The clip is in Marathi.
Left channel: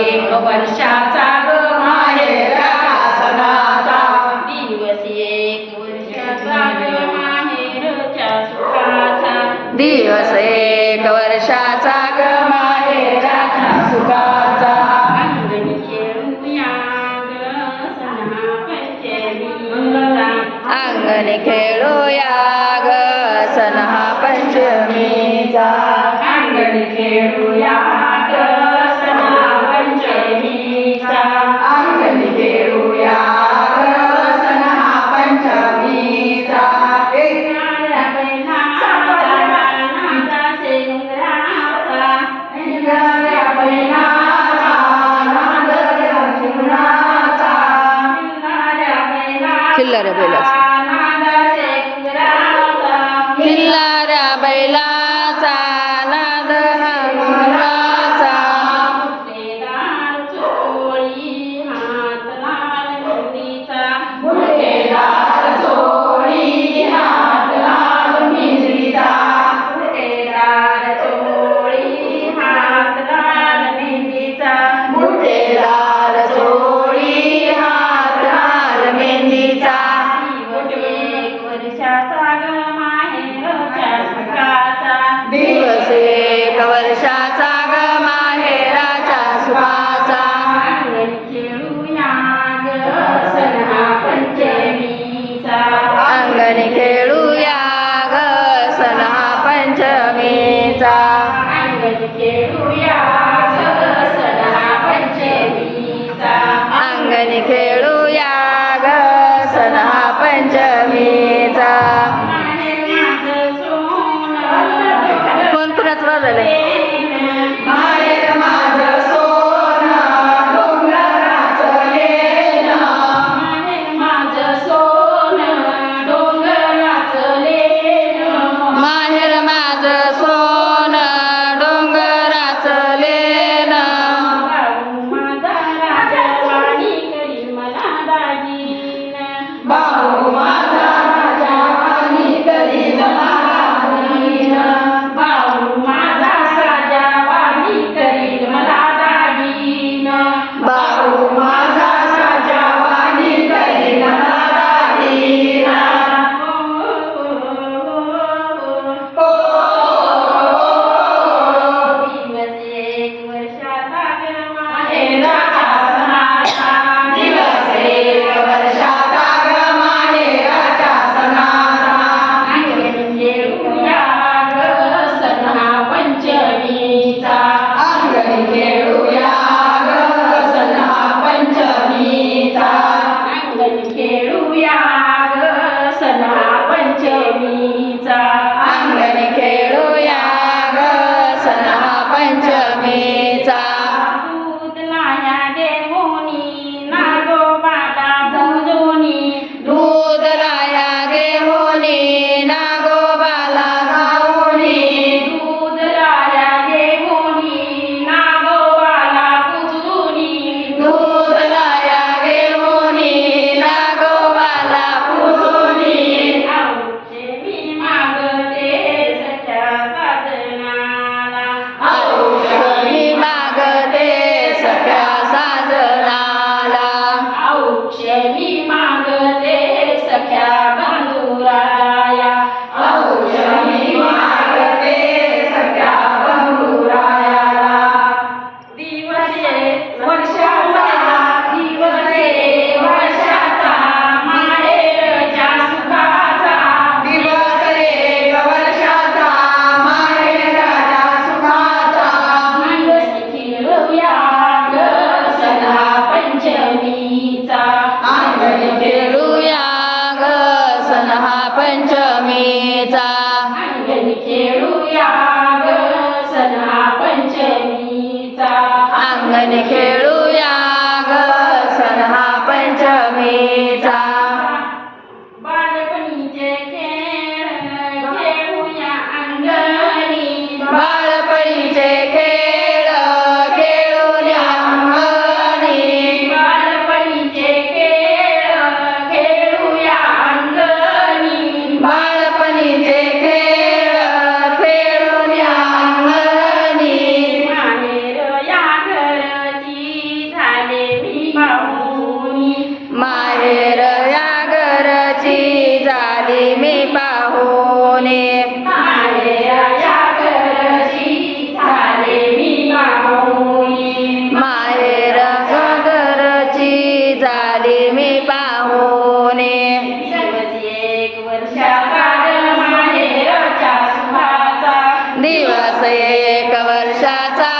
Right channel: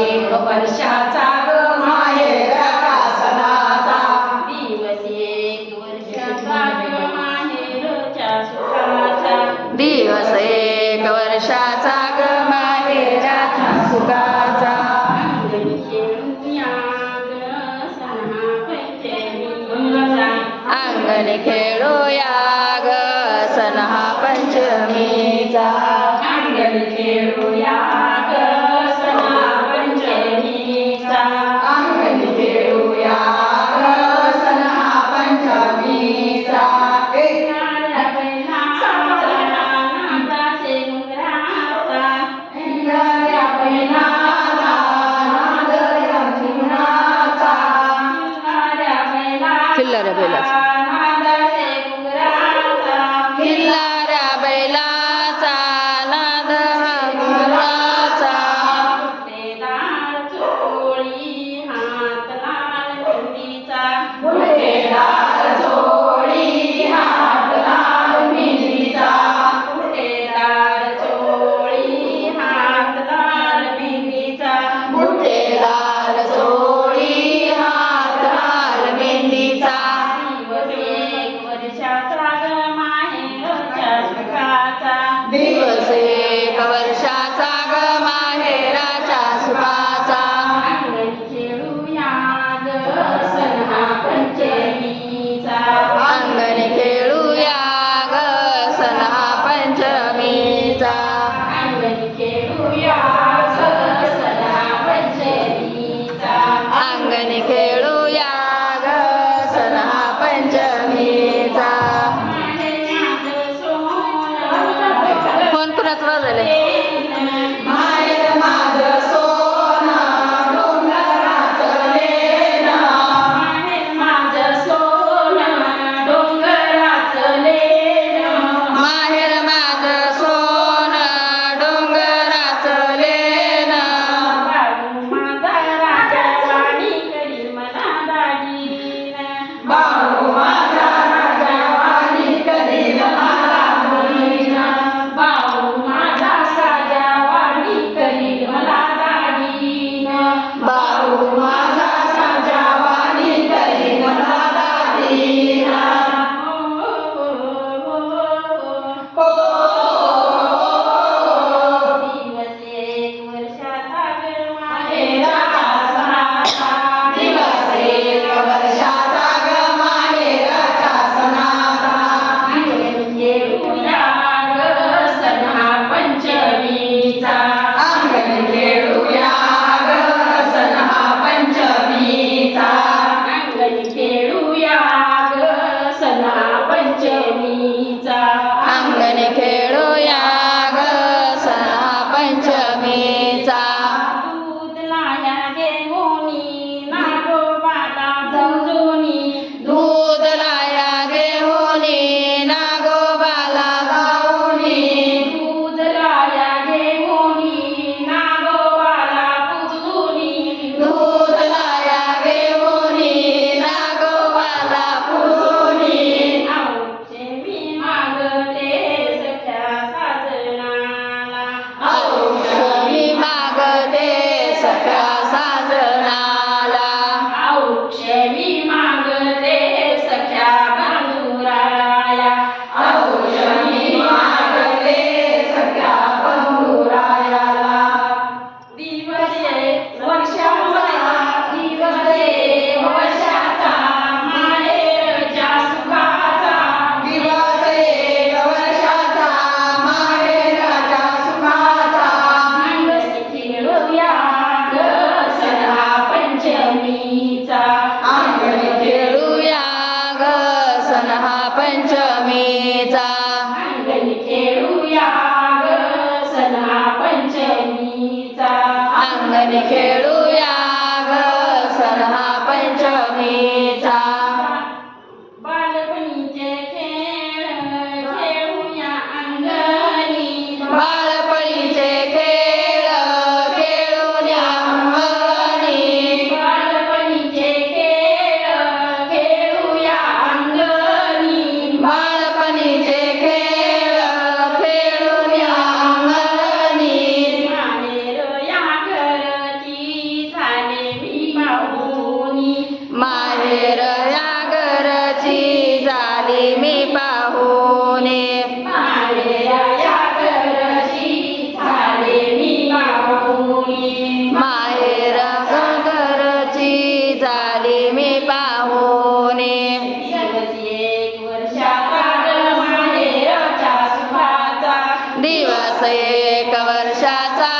एक वर्षाचा ग माहेरचा सणाचा दिवस एक वर्षाचा ग माहेरच्या सुखाचा दिवस एक वर्षाचा ग माहेराच्या सुखाचा अंगणी खेळूया ग सणा पंचमीचा अंगणी खेळूया ग सण हा पंचमीचा अंगणी खेळूया ग सणा पंचमीचा अंगणी खेळूया ग सण हा पंचमीचा खिल्लाऱ्या बैलाचा खिल्लाऱ्या बैलाचा नाद हा घुंगराचा बुट्टेदार चोळी हात लाल मेहंदीचा बुट्टेदार चोळी हात लाल मेहंदीचा बुट्टेदार चोळी हात लाल मेहंदीचा दिवस एक वर्षाचा ग माहेरच्या दिवस एक वर्षाचा ग माहेराच्या सुखाचा सुखाचा अंगणी खेळूया ग सणा पंचमीचा अंगणी खेळूया ग सण हा पंचमीचा अंगणी खेळूया ग सणा पंचमीचा अंगणी खेळूया ग सण हा पंचमीचा फोन कुणाच वाजवलंय माहेर माझं सोनं डोंगराचं लेणं माझं सोनं डोंगराचं लेणं माहेर माझं सोनं डोंगराचं लेणं बाळू माझा राजा वाणी करील मला दागीन बाळू माझा राजा वाणी करील मला दागीन बाळू माझा राजा वाणी करील मला दागीन बाळू माझा राजा वाणी करील मला दागीन दिवस एक वर्षाचा ग माहेराच्या सणाचा दिवस एक वर्षाचा ग माहेराच्या सणाचा अंगणी खेळूया ग सणा पंचमीचा अंगणी खेळूया ग सण हा पंचमीचा अंगणी खेळूया ग सणा पंचमीचा अंगणी खेळूया ग सण हा पंचमीचा दूध लाया देवोनी नागोबाला झुंजुनी दूध लाया घेऊनी नागोबाला जाऊनी दूध लाया देवोनी नागोबाला पुजूनी दूध लाया घेऊनी नागोबाला पूजूनी औक्षे मी मागते सख्या साजनाला औषधी मागते सगळ्या साजनाला औक्षे मी मागते सख्या बंधुराया औषधी मागते सगळ्या बंधुरायाला दिवस एक वर्षाचा दिवस एक वर्षाचा माहेरच्या सुखाचा दिवस एक वर्षाचा माहेराच्या सुखाचा अंगणी खेळूया ग सणा पंचमीचा अंगणी खेळूया ग सण हा पंचमीचा अंगणी खेळूया ग सणा पंचमीचा अंगणी खेळूया ग सण हा पंचमीचा बालपणीचे खेळ खेळूया अंगणी बाळपणीचे खेळ खेळून अंगणी बालपणीचे खेळ खेळूया अंगणी बाळपणीचे खेळ खेळून अंगणी माहेर या घरची घरची झाली मी पाहुणे माहेराच्या घरची झाले मी पाहुणे माहेर घरची झाली मी पाहुणे दिवस एक वर्षाचा माहेरच्या सुखाचा दिवस एक वर्षाचा